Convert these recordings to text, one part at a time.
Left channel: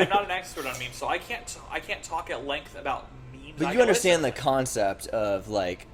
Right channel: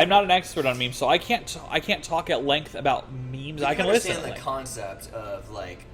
I'm not an expert on memes, so I can't talk at length about memes. But I you can understand listen the to concept of like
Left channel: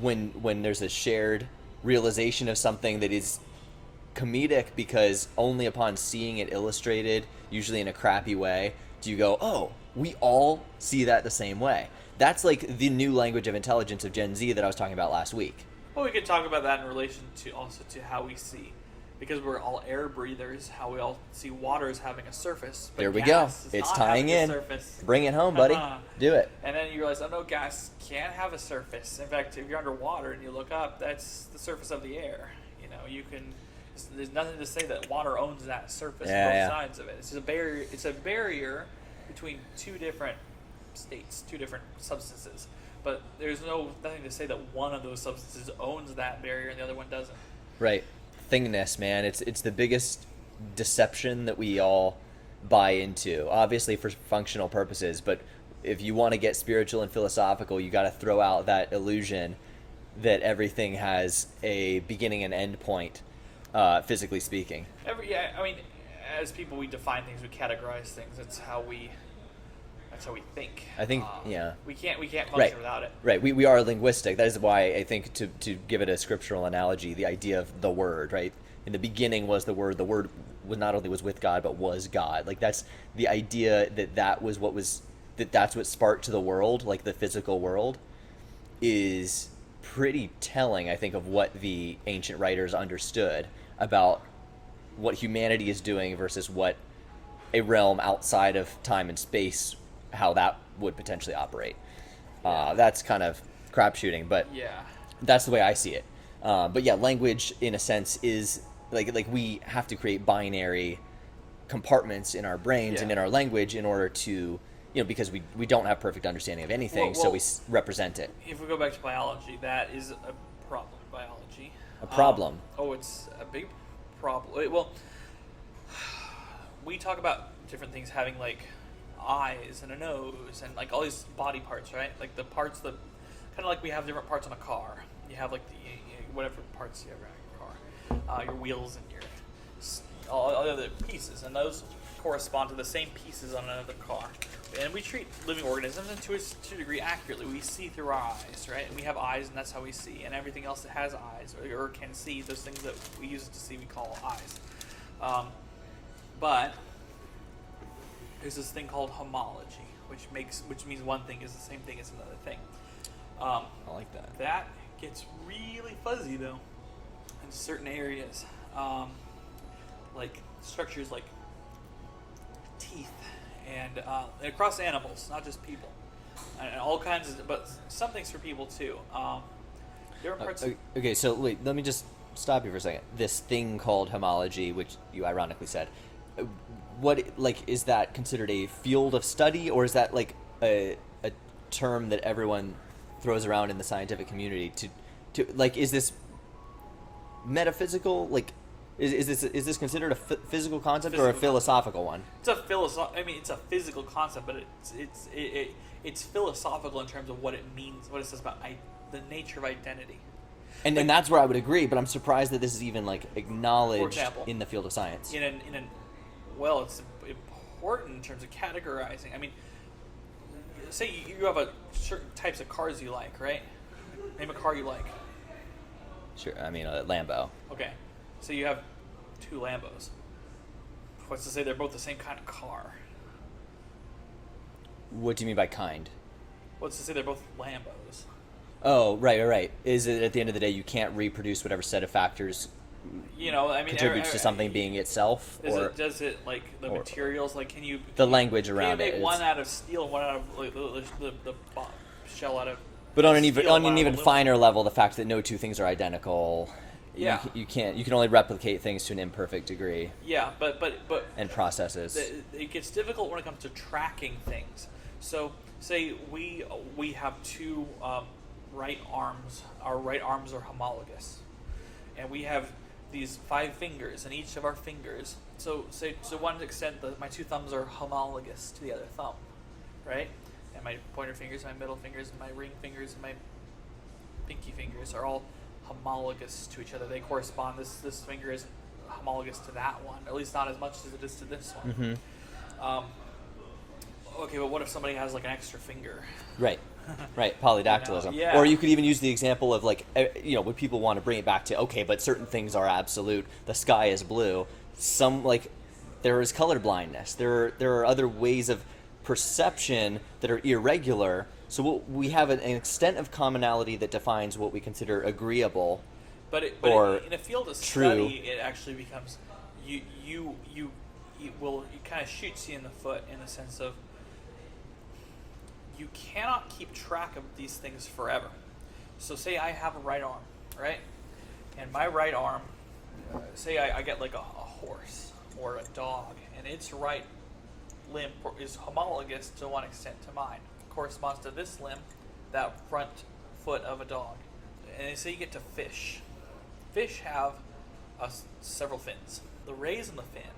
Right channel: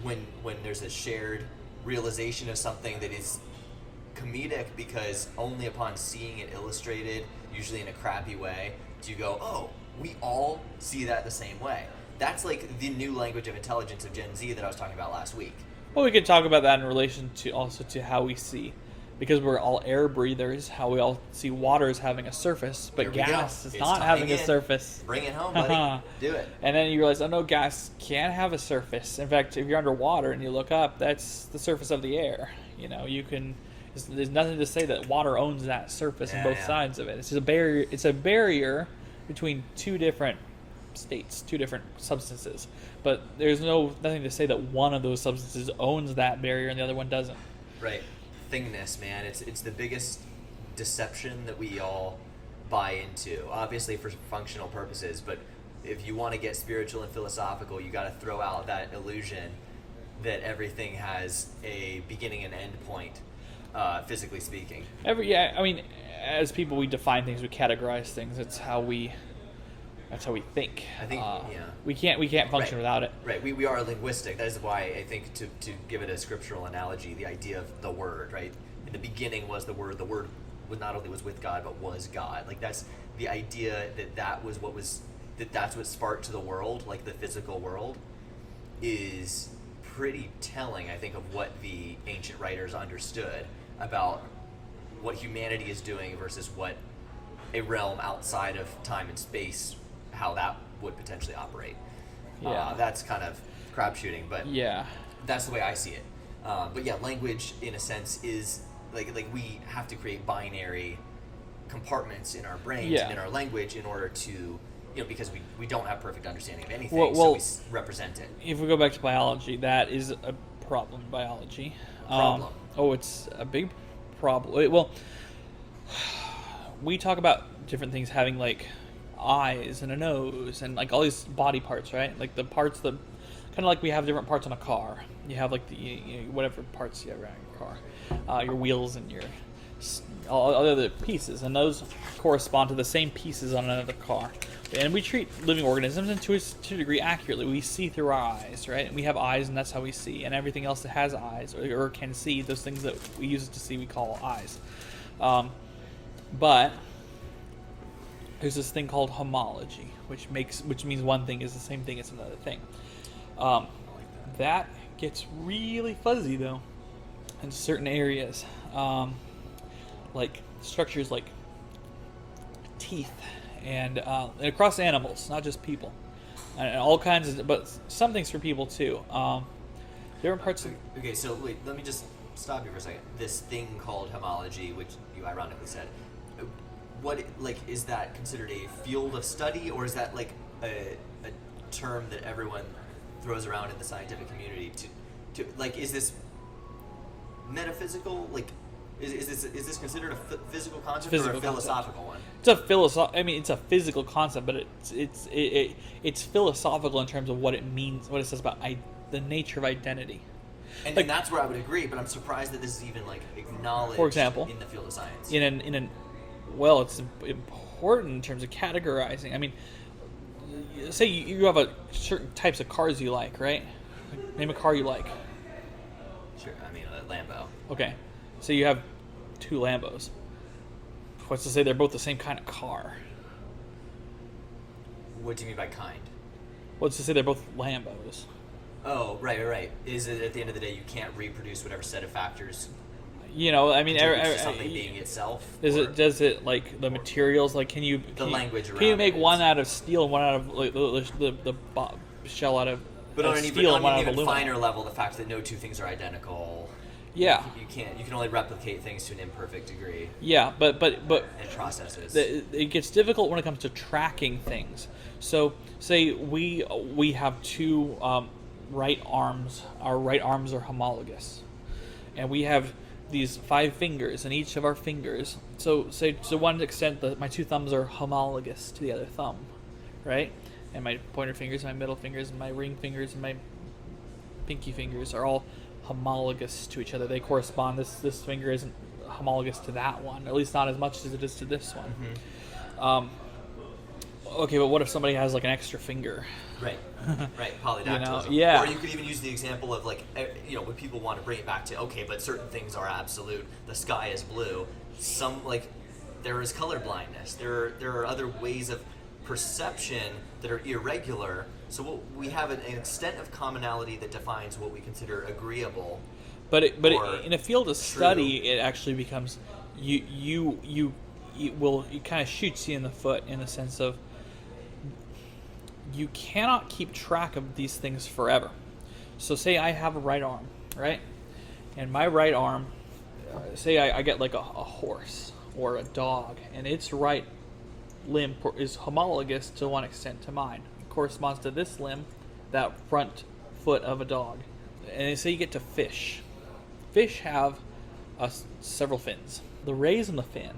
when there's a shared realization of something that is comedic because only upon seeing it illustrated, usually in a crappy way, do you go, oh, we all see that the same way. That's like the new language of intelligence of Gen Z that I was talking about last week. Well, we could talk about that in relation to also to how we see, because we're all air breathers, how we all see water as having a surface, but There we gas go. is It's not tying having a in. surface. Bring it home, buddy. Do it. And then you realize, oh no, gas can have a surface. In fact, if you're underwater and you look up, that's the surface of the air. You know, you can. There's nothing to say that water owns that surface on both sides of it. It's just a barrier. It's a barrier between two different states, two different substances. But there's nothing to say that one of those substances owns that barrier and the other one doesn't. Right. Thing-ness, man. It's the biggest deception that we all buy into. Obviously for functional purposes, but if you want to get spiritual and philosophical, you got to throw out that illusion that everything has a beginning and end point, physically speaking. I mean, as people, we define things, we categorize things. That's how we think. I think, yeah. We can't function without it. Right. We are linguistic. That is why I think to give it a scriptural analogy, the idea of the word, right? In the beginning was the word. The word was not only was with God, but was God. Like that's the idea that's what sparked to the world, like the physical world, is pretty telling, I think, of what the ancient writers understood about what humanity is doing versus what a realm outside of time and space, how that would potentially operate. Yeah. That's kind of crapshooting, but yeah, that's the way I see it. But yeah, language in a sense is like we have to create binary compartments in our brains and in our language in order to, because we don't have perfect understanding of anything, so we represent it. If we go back to biology, that is a problem in biology. A problem? It's a big problem. Well, we talk about different things having like eyes and a nose and like all these body parts, right? Like the parts that kind of like we have different parts on a car. You have like the whatever parts you have around your car, your wheels and your all the other pieces, and those correspond to the same pieces on another car. And we treat living organisms to a degree accurately. We see through our eyes, right? And we have eyes, and that's how we see. And everything else that has eyes or can see, those things that we use to see, we call eyes. But there's this thing called homology, which means one thing is the same thing as another thing. I like that. That gets really fuzzy though in certain areas, like structures like teeth and across animals, not just people, and all kinds of, but some things for people too. Different parts. Okay, so wait, let me just stop you for a second. This thing called homology, which you ironically said, is that considered a field of study, or is that like a term that everyone throws around in the scientific community to like, is this metaphysical? Like, is this considered a physical concept or a philosophical one? It's a physical concept, but it's philosophical in terms of what it means, what it says about the nature of identity. And then that's where I would agree, but I'm surprised that this is even like acknowledged, for example, in the field of science. Well, it's important in terms of categorizing. I mean, say you have certain types of cars you like, right? Name a car you like. Sure, I mean a Lambo. Okay, so you have two Lambos. What's to say they're both the same kind of car? What do you mean by kind? What's to say they're both Lambos? Oh, right. Is it at the end of the day you can't reproduce whatever set of factors? To something being itself. Does it like the materials? Like, can you language around? Can you make one out of steel and one out of like, the shell out of? But on an even finer level, the fact that no two things are identical. Yeah. You can't. You can only replicate things to an imperfect degree. Yeah, but and processes. It gets difficult when it comes to tracking things. So, say we have two right arms. Our right arms are homologous, and we have these 5 fingers in each of our fingers. So, say to one extent that my 2 thumbs are homologous to the other thumb, right? And my pointer fingers, my middle fingers, and my ring fingers, and my pinky fingers are all homologous to each other. They correspond. This finger isn't homologous to that one, at least not as much as it is to this one. Mm-hmm. Okay, but what if somebody has like an extra finger? Right. Right, polydactylism. Yeah. Or you could even use the example of like, when people want to bring it back to, okay, but certain things are absolute. The sky is blue. Some, like, there is color blindness. There are other ways of perception that are irregular. So we have an extent of commonality that defines what we consider agreeable. But in a field of true. study, it actually becomes it kind of shoots you in the foot in the sense of you cannot keep track of these things forever. So say I have a right arm, right? And my right arm, say I get like a horse or a dog, and its right limb is homologous to one extent to mine. It corresponds to this limb, that front foot of a dog. And say you get to fish. Fish have several fins. The rays in the fin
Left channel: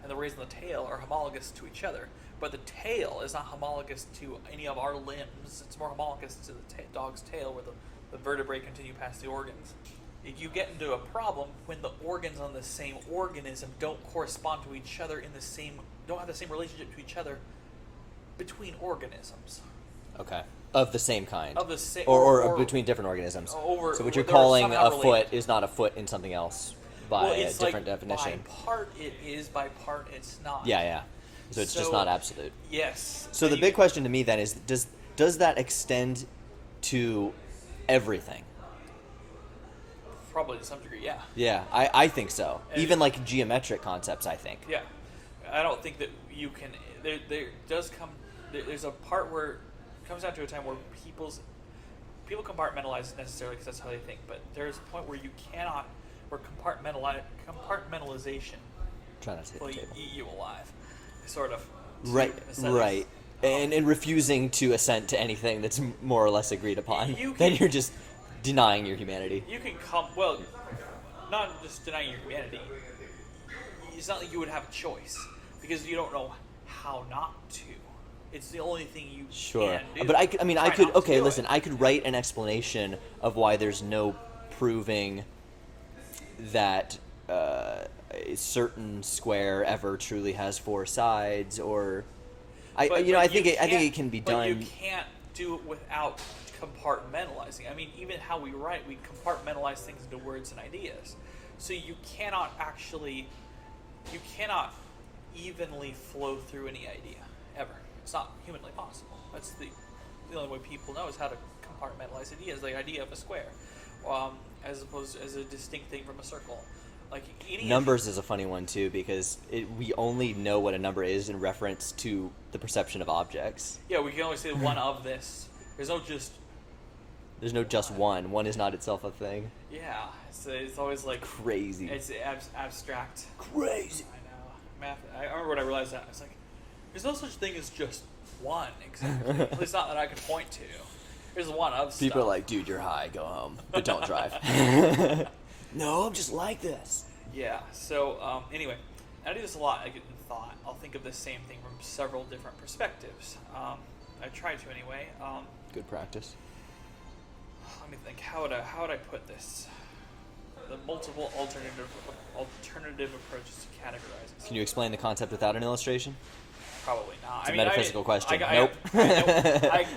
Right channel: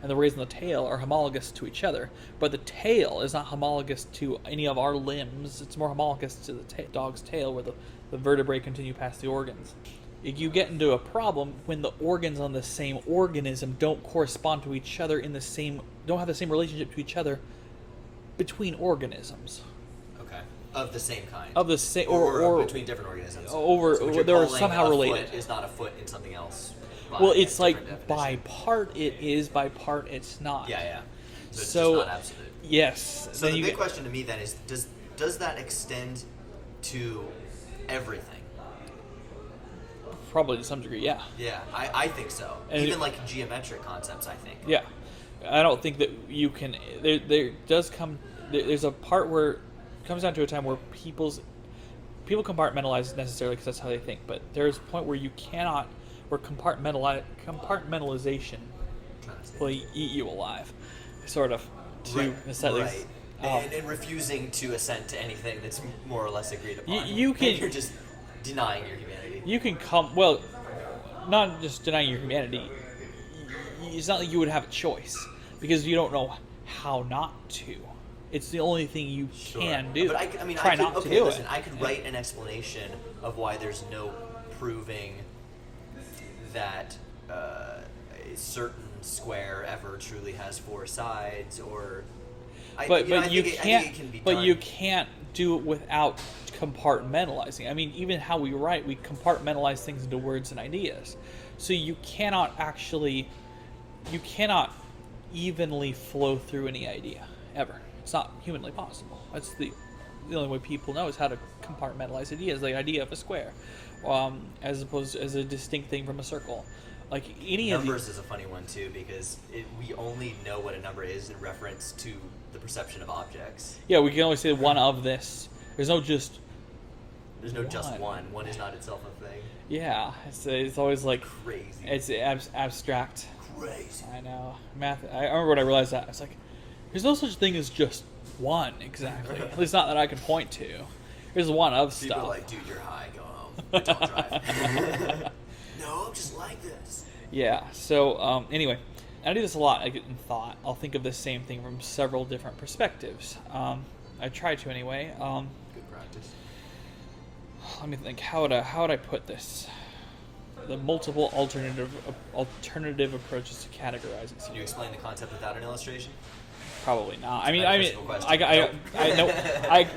and the rays in the tail are homologous to each other, but the tail is not homologous to any of our limbs. It's more homologous to the dog's tail, where the vertebrae continue past the organs. You get into a problem when the organs on the same organism don't correspond to each other don't have the same relationship to each other between organisms. Okay. Of the same kind. Of the same, or between different organisms. So what you're calling a foot is not a foot in something else. Well, it's like definition. by part it is, by part it's not. Yeah. So it's just not absolute. Yes. So the big question to me then is, does that extend to everything? Probably to some degree, yeah. Yeah, I think so. And even like geometric concepts, I think. Yeah. I don't think that you can... There's a part where it comes down to a time where people compartmentalize necessarily because that's how they think, but there's a point where you cannot... where compartmentalization will eat you alive, sort of. Right. And refusing to assent to anything that's more or less agreed upon. Then you're just denying your humanity. You can not just denying your humanity. It's not like you would have a choice, because you don't know how not to. It's the only thing you can do. But I could write an explanation of why there's no proving that a certain square ever truly has four sides, or I think it can be done. But you can't do it without compartmentalizing. I mean, even how we write, we compartmentalize things into words and ideas. So you cannot evenly flow through any idea ever. It's not humanly possible. That's the only way people know is how to compartmentalize ideas. The idea of a square, as opposed as a distinct thing from a circle. Like numbers is a funny one too, because we only know what a number is in reference to the perception of objects. Yeah, we can only say one of this. There's no just one. One is not itself a thing. Yeah, it's always like crazy. It's abstract. Crazy. I know. Math. I remember when I realized that. I was like, there's no such thing as just one exactly. At least not that I could point to. There's one of stuff. People are like, dude, you're high. Go home, but don't drive. No, I'm just like this. Yeah. So anyway, I do this a lot. I get in thought. I'll think of the same thing from several different perspectives. I try to anyway. Good practice. Let me think. How would I put this? The multiple alternative approaches to categorizing. Can you explain the concept without an illustration? Probably not. It's a metaphysical question. Nope.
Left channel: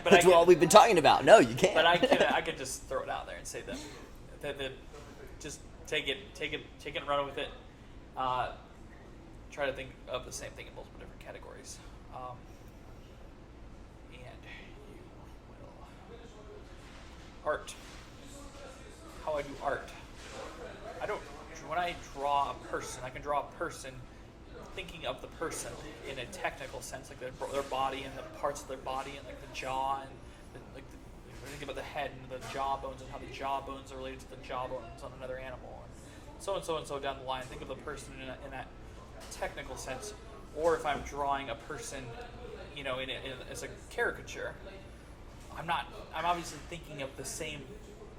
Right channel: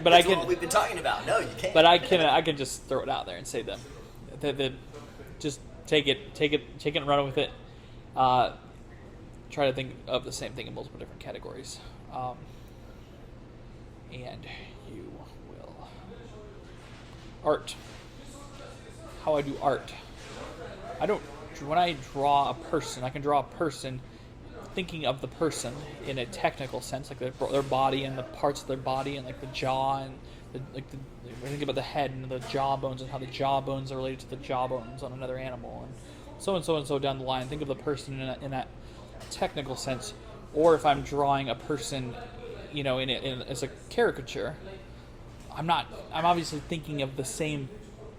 That's all we've been talking about. No, you can't. But I can just throw it out there and say them. Just take it and run with it. Try to think of the same thing in multiple different categories, and you will. Art. How I do art. When I draw a person, I can draw a person thinking of the person in a technical sense, like their body and the parts of their body and like the jaw and I think about the head and the jaw bones and how the jaw bones are related to the jaw bones on another animal and so down the line. Think of the person in that technical sense. Or if I'm drawing a person, as a caricature, I'm obviously thinking of the same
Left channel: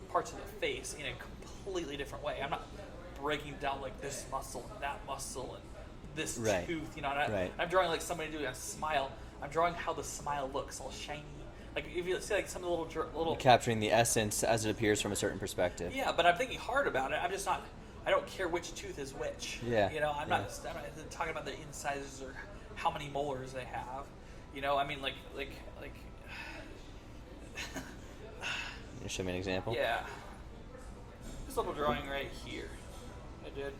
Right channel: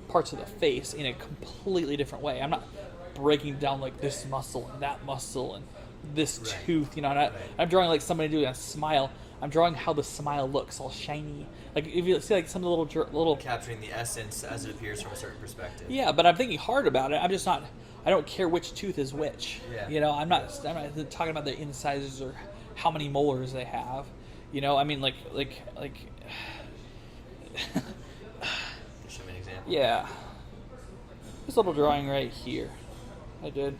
parts of the face in a completely different way. I'm not breaking down like this muscle and that muscle and this tooth. I'm drawing like somebody doing a smile. I'm drawing how the smile looks, all shiny. Like if you see like some of the little capturing the essence as it appears from a certain perspective. Yeah, but I'm thinking hard about it. I'm just not. I don't care which tooth is which. Yeah. I'm not talking about the incisors or how many molars they have. You know, I mean, like. Show me an example. Yeah. This little drawing right here. I did.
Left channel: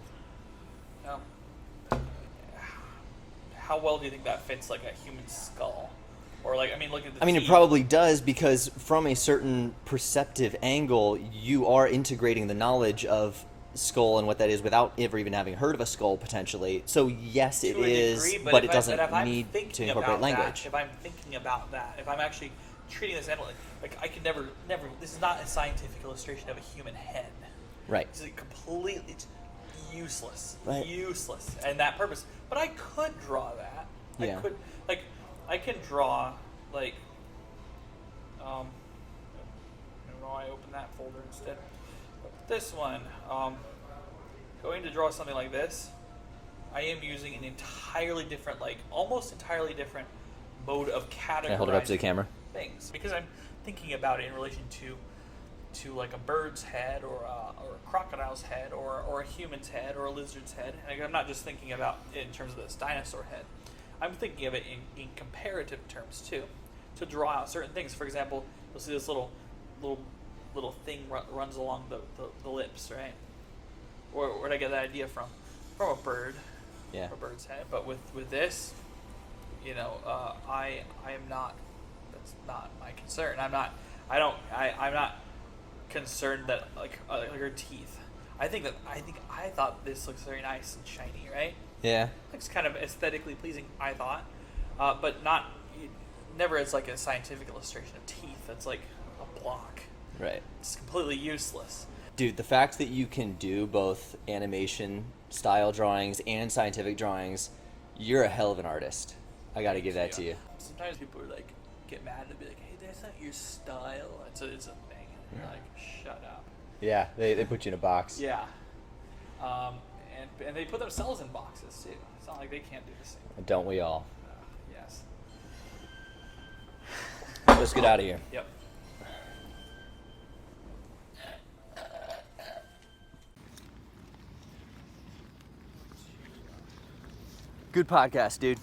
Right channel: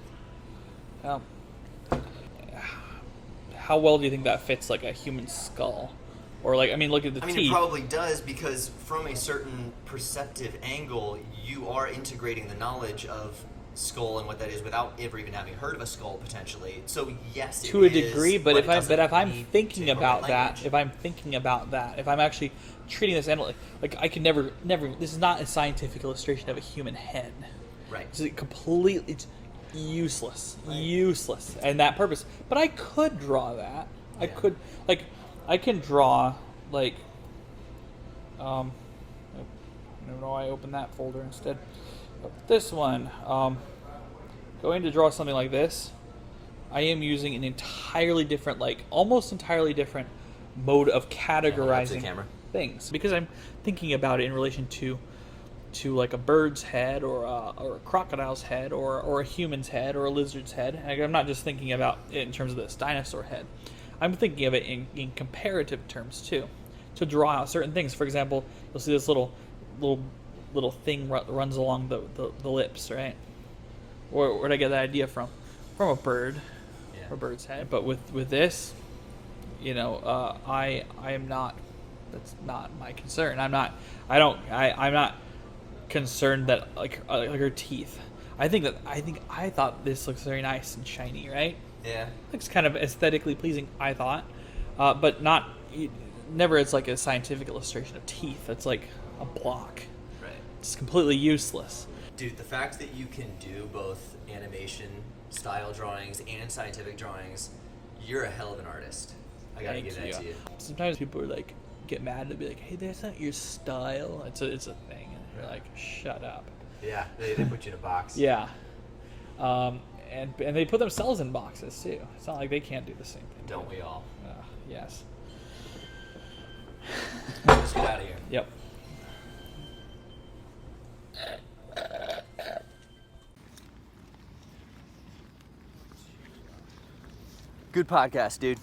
How well do you think that fits like a human skull? Or like, I mean, look at the I mean, teeth. it probably does, because from a certain perceptive angle, you are integrating the knowledge of skull and what that is without ever even having heard of a skull potentially. So yes, it to a is, degree, but it if doesn't I'm need thinking to about incorporate language. that, if I'm actually treating this animal like I can never. This is not a scientific illustration of a human head. Right. It's useless, Right. useless, and that purpose. But I could draw that. Yeah. I can draw like. No, I opened that folder instead. This one, going to draw something like this, I am using an entirely different, like almost entirely different mode of Hold it up to the categorizing camera. things, because I'm thinking about it in relation to like a bird's head or a crocodile's head or a human's head or a lizard's head. Like, I'm not just thinking about it in terms of this dinosaur head. I'm thinking of it in comparative terms too, to draw out certain things. For example, you'll see this little thing runs along the lips, right? Where'd I get that idea from? From a bird, Yeah. a bird's head. But with this, you know, I am not. That's not my concern. I'm not concerned that like her teeth. I thought this looks very nice and shiny, right? Yeah. Looks kind of aesthetically pleasing, I thought, but not never as like a scientific illustration of teeth. It's like a block. Right. It's completely useless. Dude, the fact that you can do both animation style drawings and scientific drawings, you're a hell of an artist. I gotta give that to you. Sometimes people are like get mad and be like, "Hey, that's not your style." It's a thing, and you're like, "Shut up." Yeah, they put you in a box. Yeah. And they put themselves in boxes too. It's not like they can't do the same thing. Don't we all? Yes. Let's get out of here. Yep. Good podcast, dude.